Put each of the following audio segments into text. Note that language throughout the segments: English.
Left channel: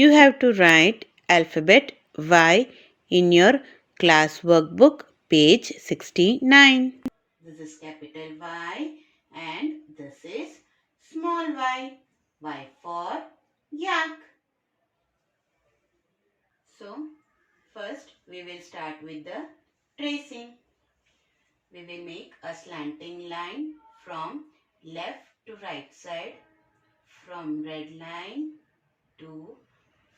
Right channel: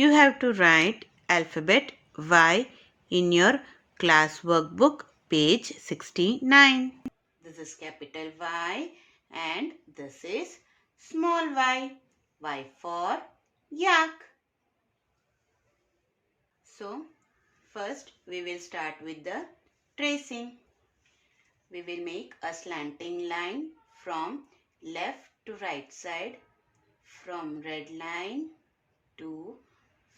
you have to write alphabet Y in your class workbook, page 69. This is capital Y and this is small y. Y for yak. So, first we will start with the tracing. We will make a slanting line from left to right side, from red line to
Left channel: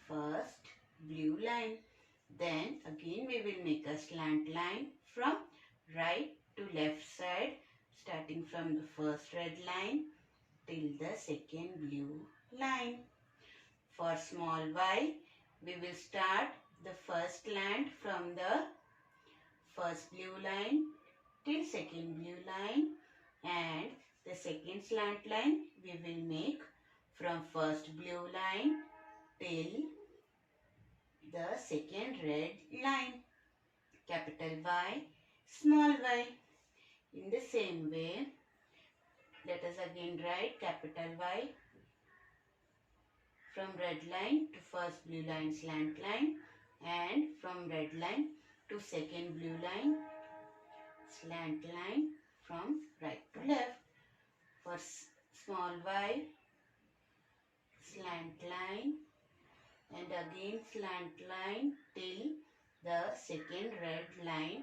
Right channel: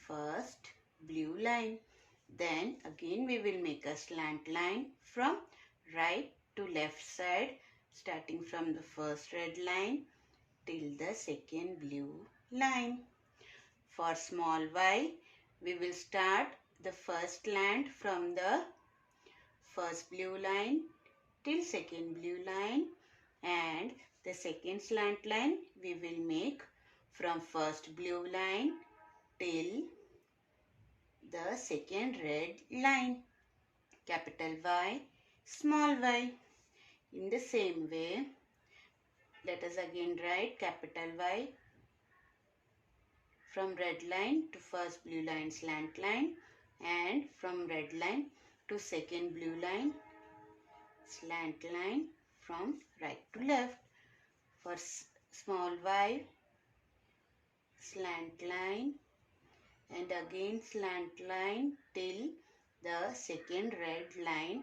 first blue line. Then again we will make a slant line from right to left side, starting from the first red line till the second blue line. For small y, we will start the first slant from the first blue line till second blue line, and the second slant line we will make from first blue line till the second red line. Capital Y, small y. In the same way, let us again write capital Y from red line to first blue line slant line, and from red line to second blue line slant line from right to left. For small y, slant line and again slant line till the second red line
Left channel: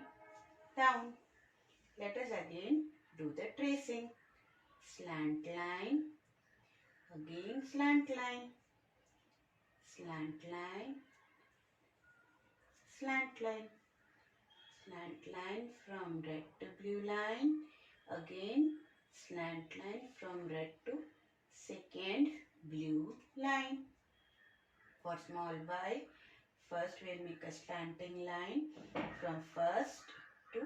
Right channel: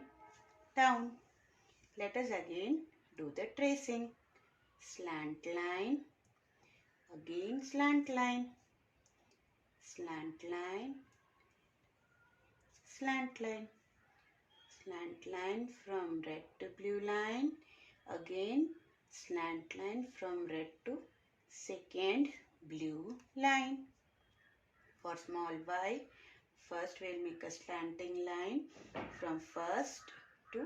down. Let us again do the tracing. Slant line, again slant line, slant line, slant line, slant line from red to blue line, again slant line from red to second blue line. For small y, first we will make a slanting line from first to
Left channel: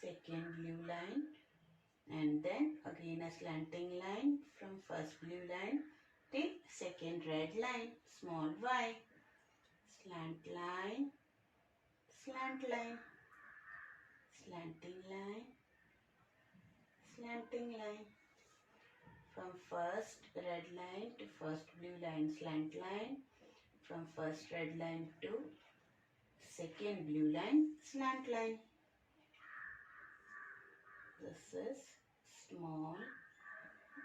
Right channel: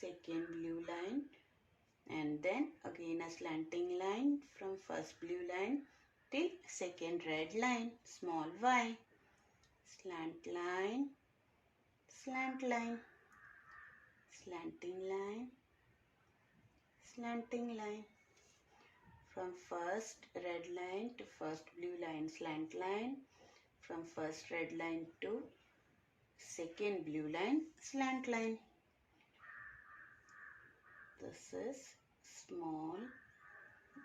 second blue line, and then again a slanting line from first blue line till second red line, small y. Slant line, slant line, slanting line, slanting line. From first red line to first blue line, slant line. From first red line to second blue line, slant line. This is small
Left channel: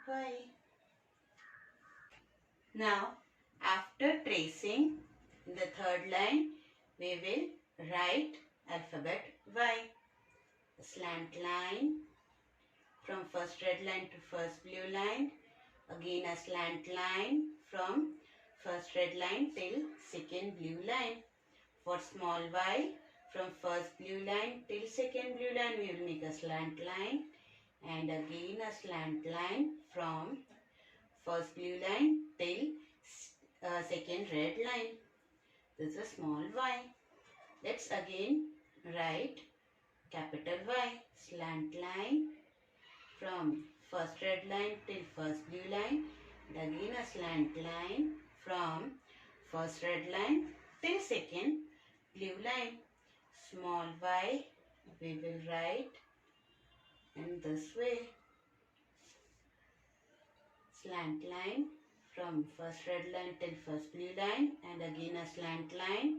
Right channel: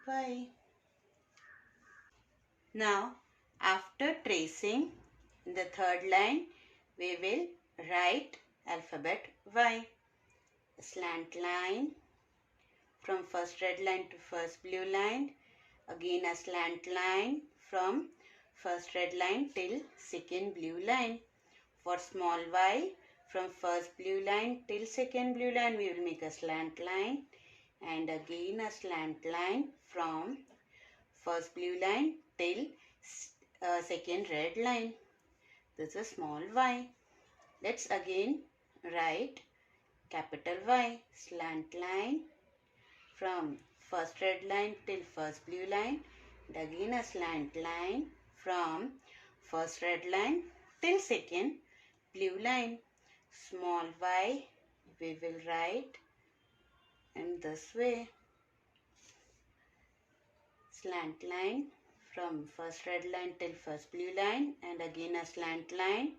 y. Now, after tracing in the third line, we will write alphabet Y. A slant line from first red line to first blue line. Again a slant line from first red line till second blue line. For small y, from first blue line till second blue line, we will make a slant line, and again a slant line from first blue line till second red line. This is small y. Let's again write capital Y. Slant line from first red line till first blue line, and again a slant line from first red line till second blue line. Small y we will write in this way. Slant line from first red line till first blue line, and again a slant line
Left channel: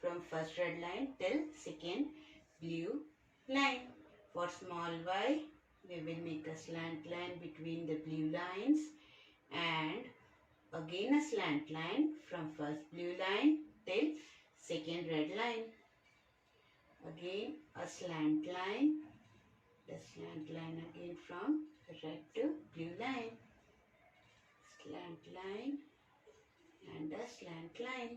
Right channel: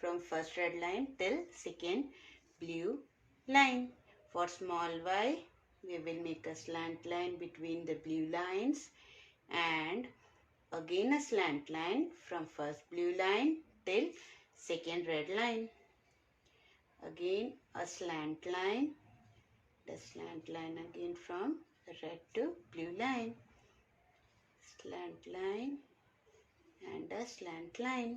from first red line till second blue line. For small y, we will make a slant line between the blue lines, and again a slant line from first blue line till second red line. Again a slant line, the slant line again from red to blue line. Slant line and a slant line.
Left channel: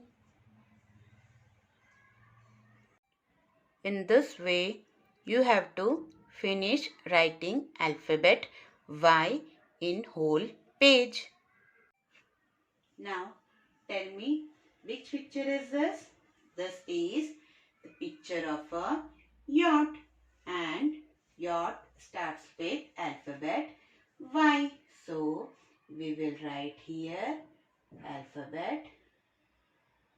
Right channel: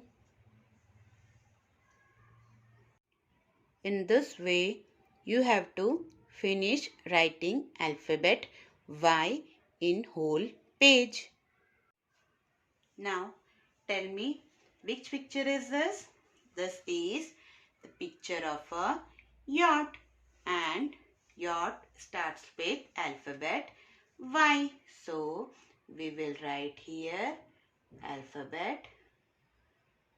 In this way, you have to finish writing alphabet Y in whole page. Now, tell me, which picture is this? This is the picture of a yacht, and yacht starts with alphabet Y. So, we will write here alphabet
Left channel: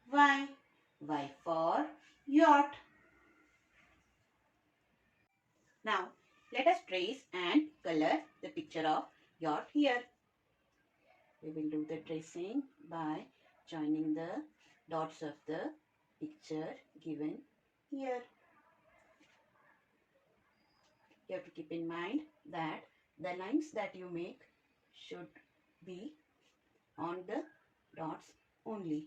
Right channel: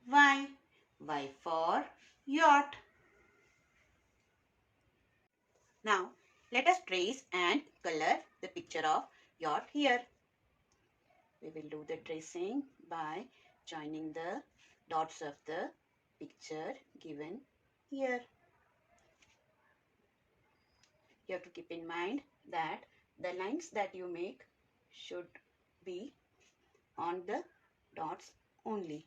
Y. Y for yacht. Now, let us trace and color the picture of yacht here. We will do the tracing by joining the dots of the picture given here. You have to keep in mind that the lines that you make should be on the dots only.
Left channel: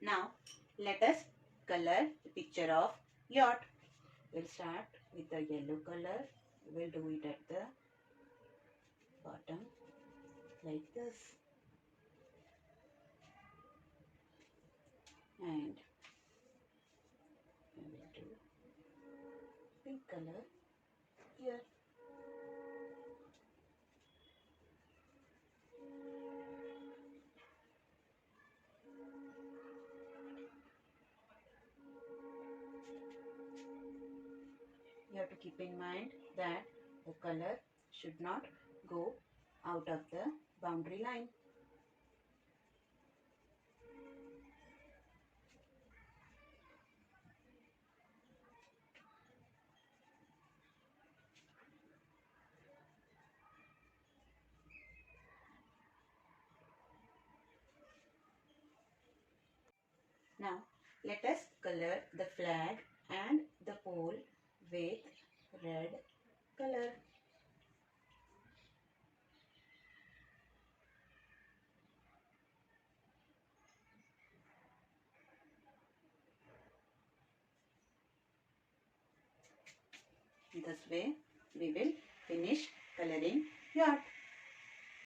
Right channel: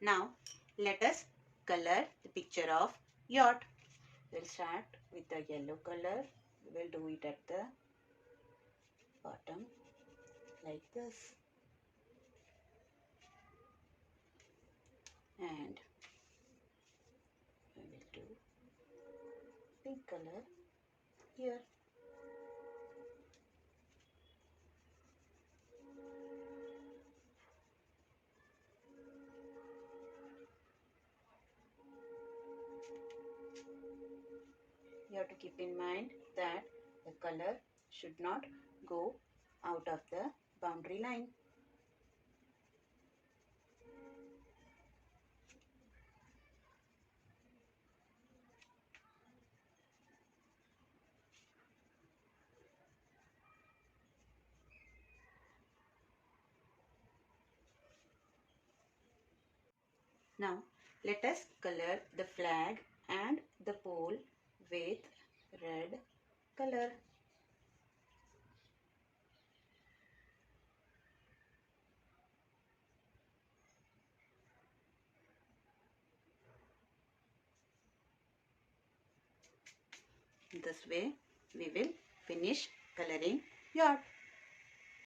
Now let us color the picture of yacht. We'll start with the yellow color. We'll do it at the bottom like this. And we will do pink color here. You have to keep in mind that the color should not go out of the boundary line. Now let us color the flag and the pole with red color. This way we will finish coloring yacht.